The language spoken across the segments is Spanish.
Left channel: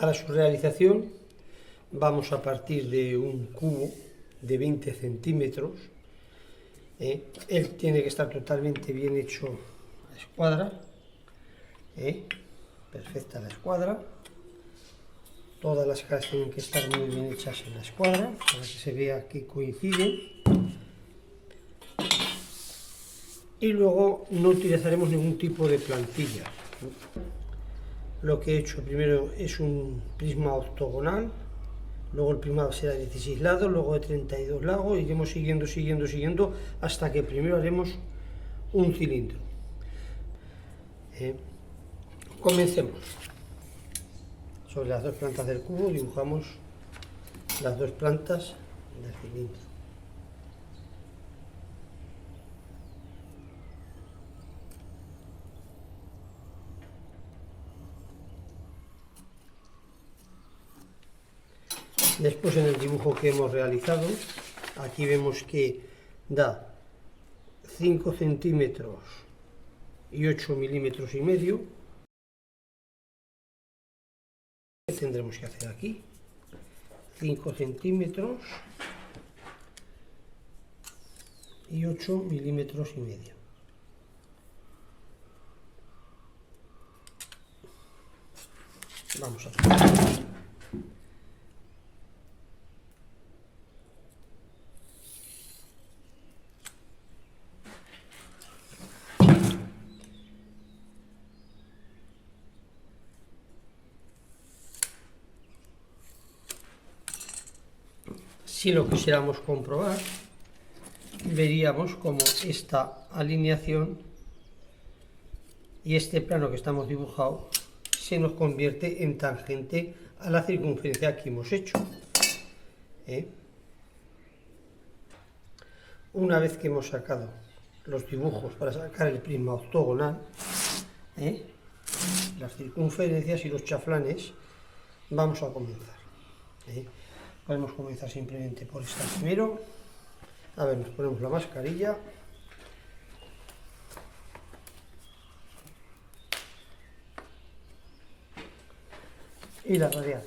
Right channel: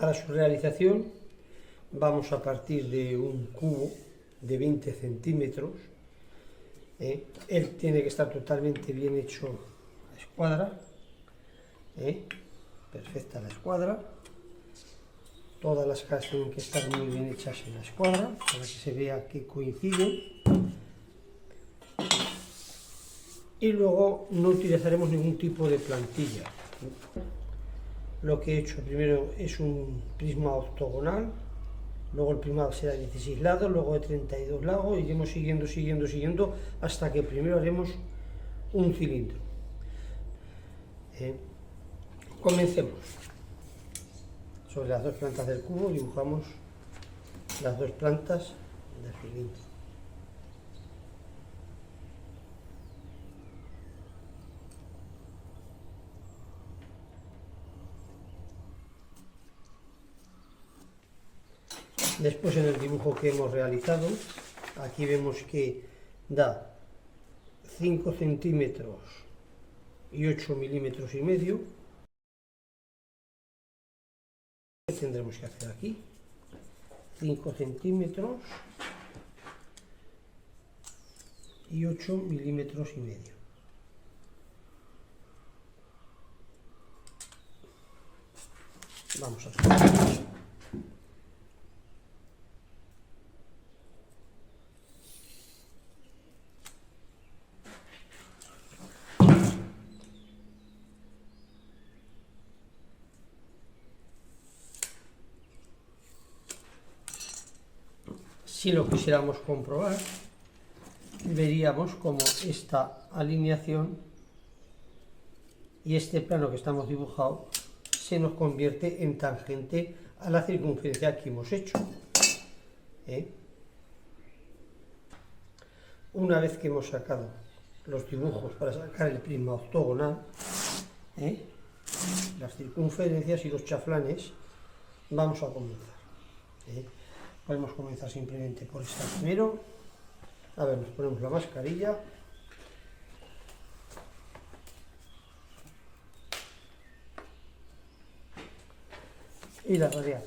Para su realización vamos a partir de un cubo de 20 centímetros. Él tiene que estar totalmente bien hecho a escuadra. Perfecta la escuadra. Todas las caras tienen que estar muy bien hechas en la escuadra para que se vea que coinciden. Y luego no utilizaremos ningún tipo de plantilla. Lo que he hecho primero es un prisma octogonal, luego el prisma será de 16 lados, luego de 32 lados, y iremos siguiendo hasta que primero haremos un cilindro. Comencemos. Sobre las dos plantas del cubo dibujamos las dos plantas del cilindro. Después, en el dibujo que hemos realizado, aquí vemos que da 5 centímetros y 8 milímetros y medio. ¿Qué tendremos que hacer aquí? 5 centímetros y 8 milímetros y medio. Vamos a hacer. Si lo quisiéramos comprobar, veríamos como esta alineación y este plano que estamos dibujando se nos convierte en tangente a la circunferencia que hemos hecho. Una vez que hemos sacado los dibujos para sacar el prisma octogonal, las circunferencias y los chaflanes, vamos a comenzar. Podemos comenzar simplemente por esta primero. A ver, nos ponemos la mascarilla. Y la radial.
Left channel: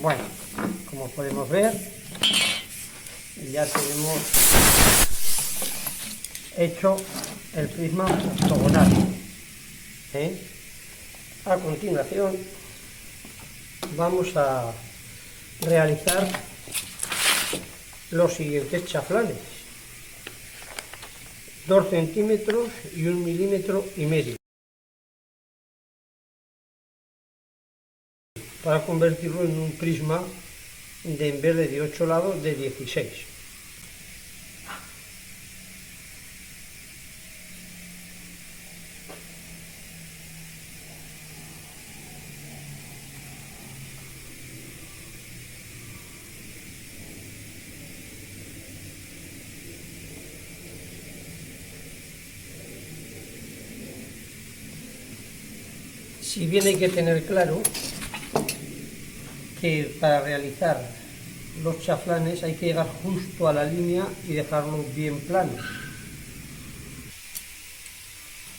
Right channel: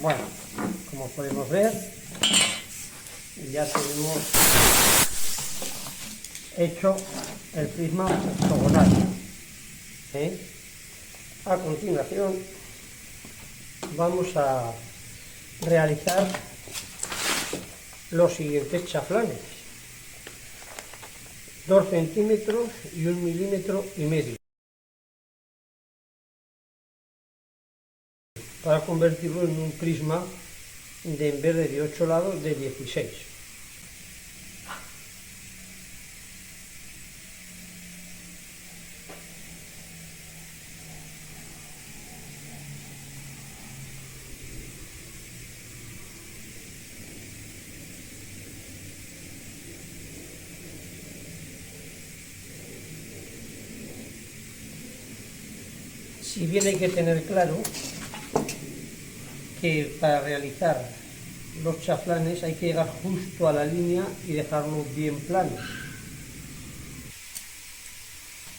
Bueno, como podemos ver, ya tenemos hecho el prisma octogonal. A continuación vamos a realizar los siguientes chaflanes: 2 centímetros y 1,5 milímetros para convertirlo en un prisma en vez de 8 lados, de 16. Si bien hay que tener claro que para realizar los chaflanes hay que llegar justo a la línea y dejarlo bien plano.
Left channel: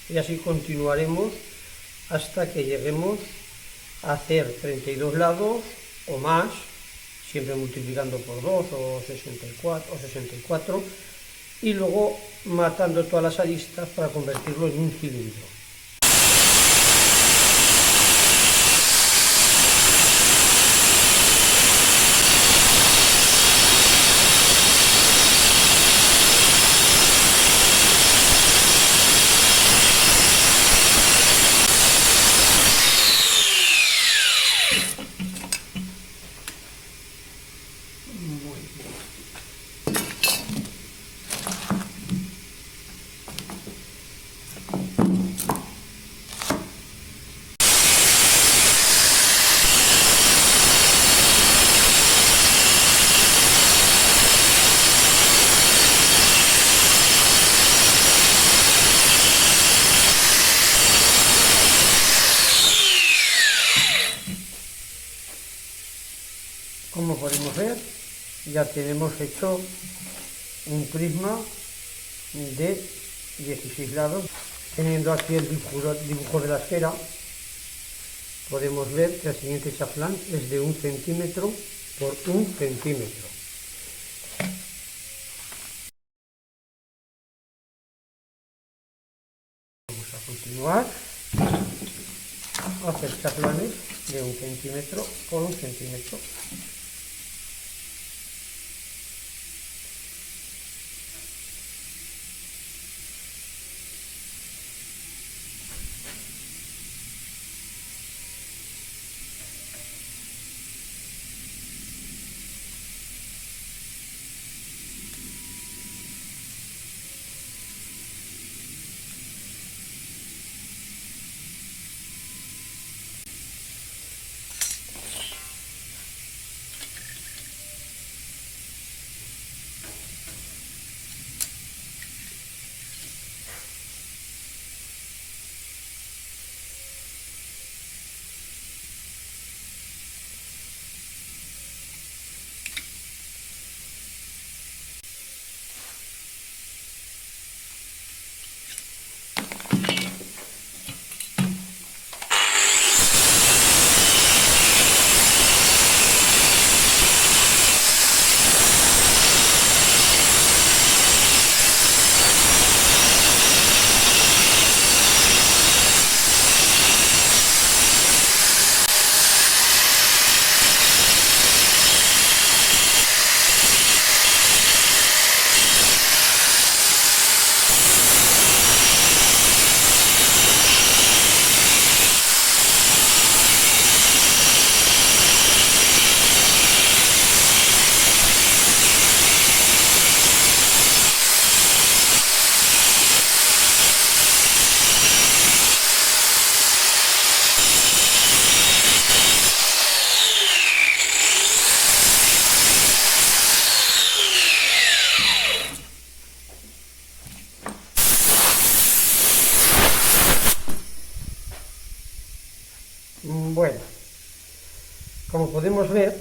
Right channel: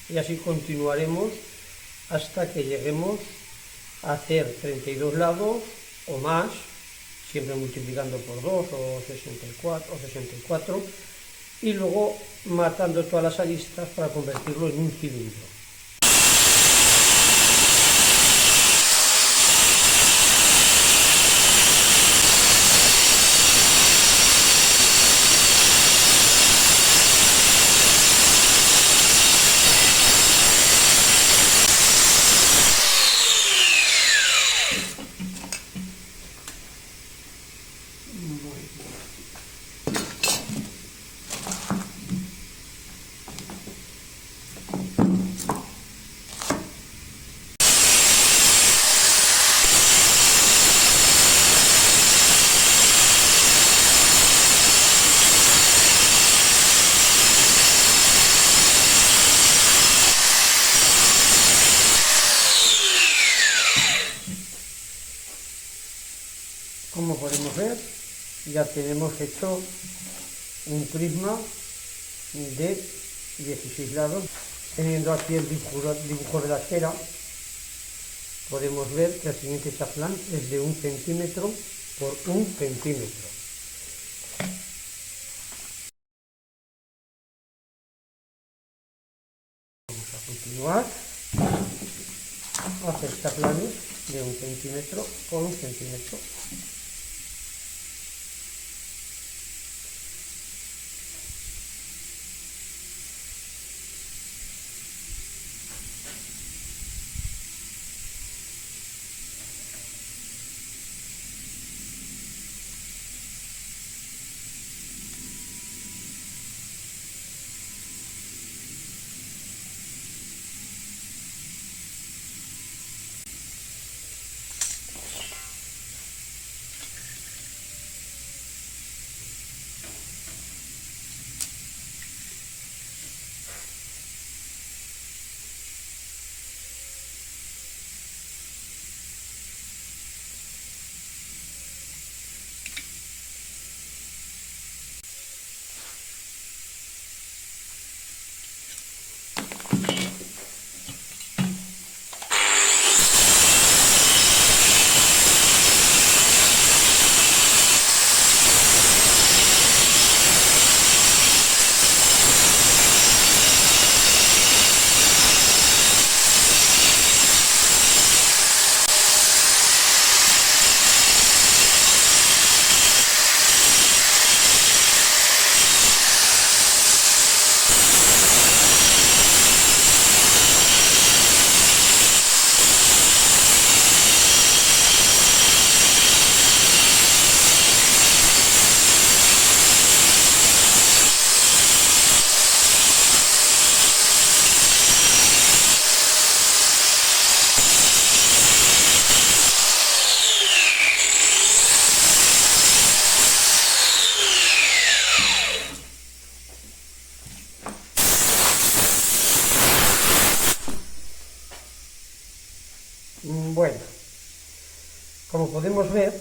Y así continuaremos hasta que lleguemos a hacer 32 lados o más, siempre multiplicando por 2 o 64, y luego matando todas las aristas para convertirlo en un cilindro. Como podemos ver, ya tenemos hecho un prisma de 16 lados. Teniendo aquí el dibujo de la esfera, podemos ver que el siguiente chaflán es de 1 centímetro por 1 centímetro. Vamos a continuar a hacer chaflanes de 1 centímetro por 1 centímetro. Bueno, como podemos ver,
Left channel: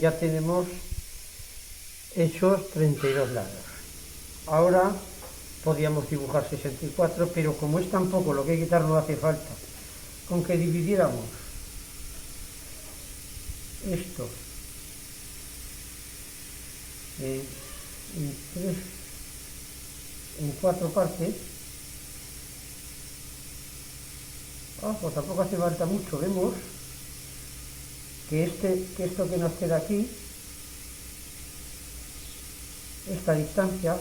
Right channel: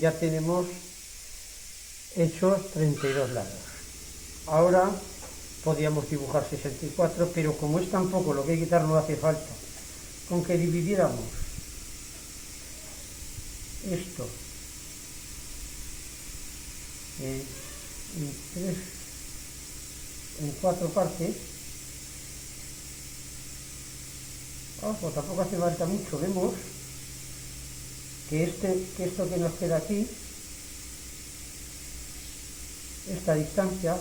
ya tenemos hechos 32 lados. Ahora podíamos dibujar 64, pero como es tan poco lo que hay que quitar, no hace falta. Con que dividiéramos esto en 4 partes, pues tampoco hace falta mucho. Vemos que esto que nos queda aquí, esta distancia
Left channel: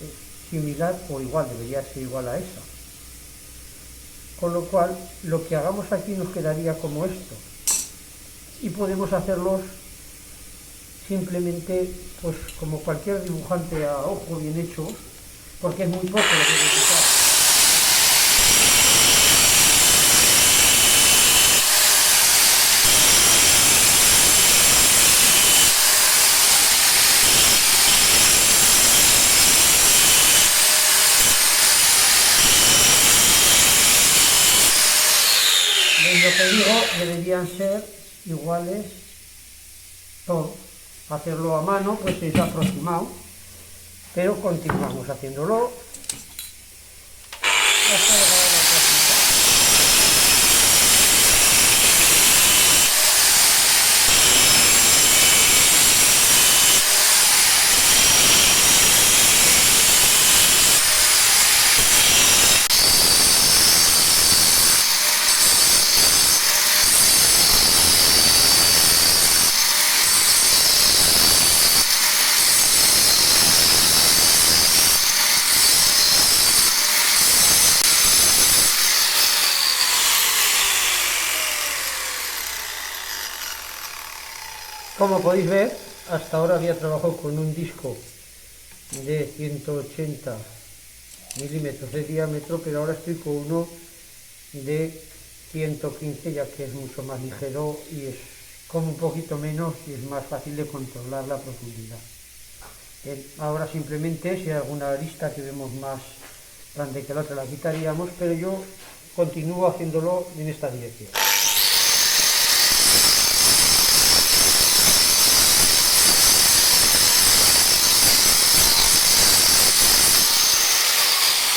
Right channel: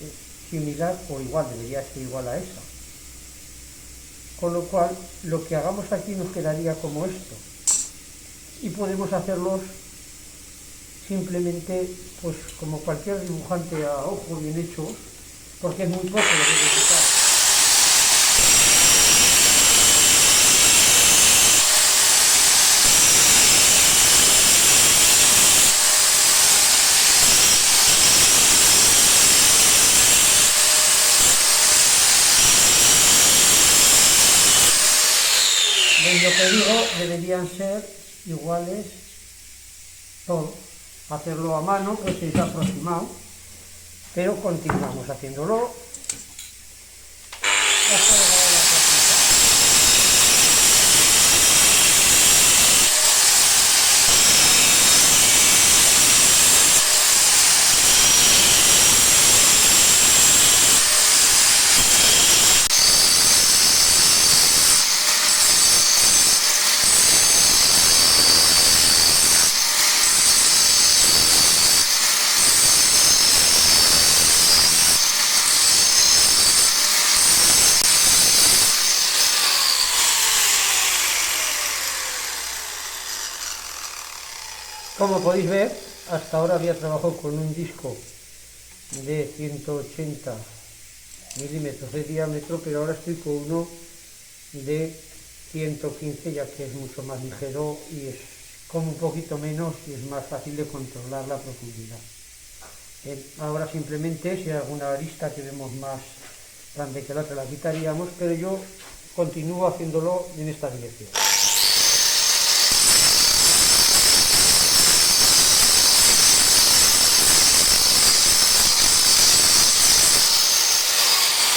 es similar o igual, debería ser igual a esa. Con lo cual, lo que hagamos aquí nos quedaría como esto. Y podemos hacerlos simplemente, pues como cualquier dibujante a ojo bien hecho, porque es muy poco lo que hay que quitar. Lo que digo, deberían ser iguales todos. Hacerlo a mano pues es aproximado, pero continuamos haciéndolo hasta llegar a la práctica. Como podéis ver, hasta ahora había trabajado con un disco de 180 milímetros de diámetro, pero ahora estoy con uno de 115, ya que es mucho más ligero y es como un poquito menos y es más fácil de controlar la profundidad. Ahora simplemente, si hay alguna arista que vemos más grande que la otra, la quitaríamos, pero yo continúo haciéndolo en esta dirección.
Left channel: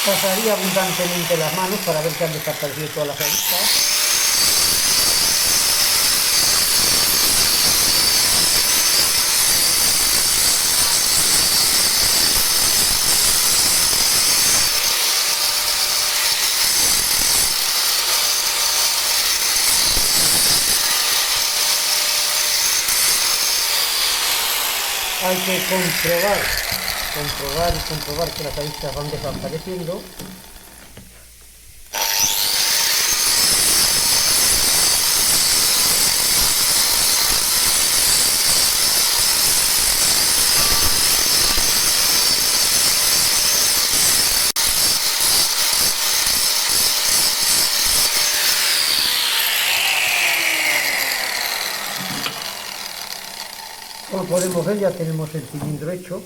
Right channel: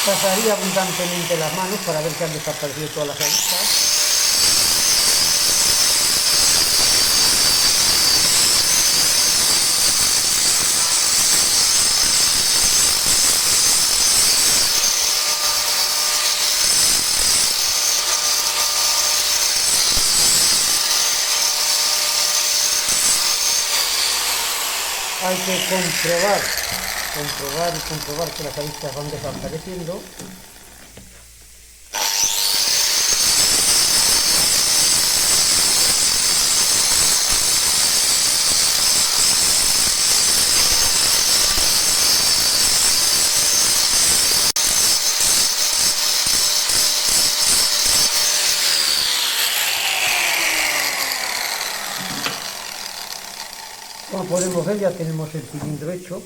Pasaría abundantemente las manos para ver que han desaparecido todas las aristas. Hay que comprobar que las aristas van desapareciendo. Como podemos ver, ya tenemos el cilindro hecho.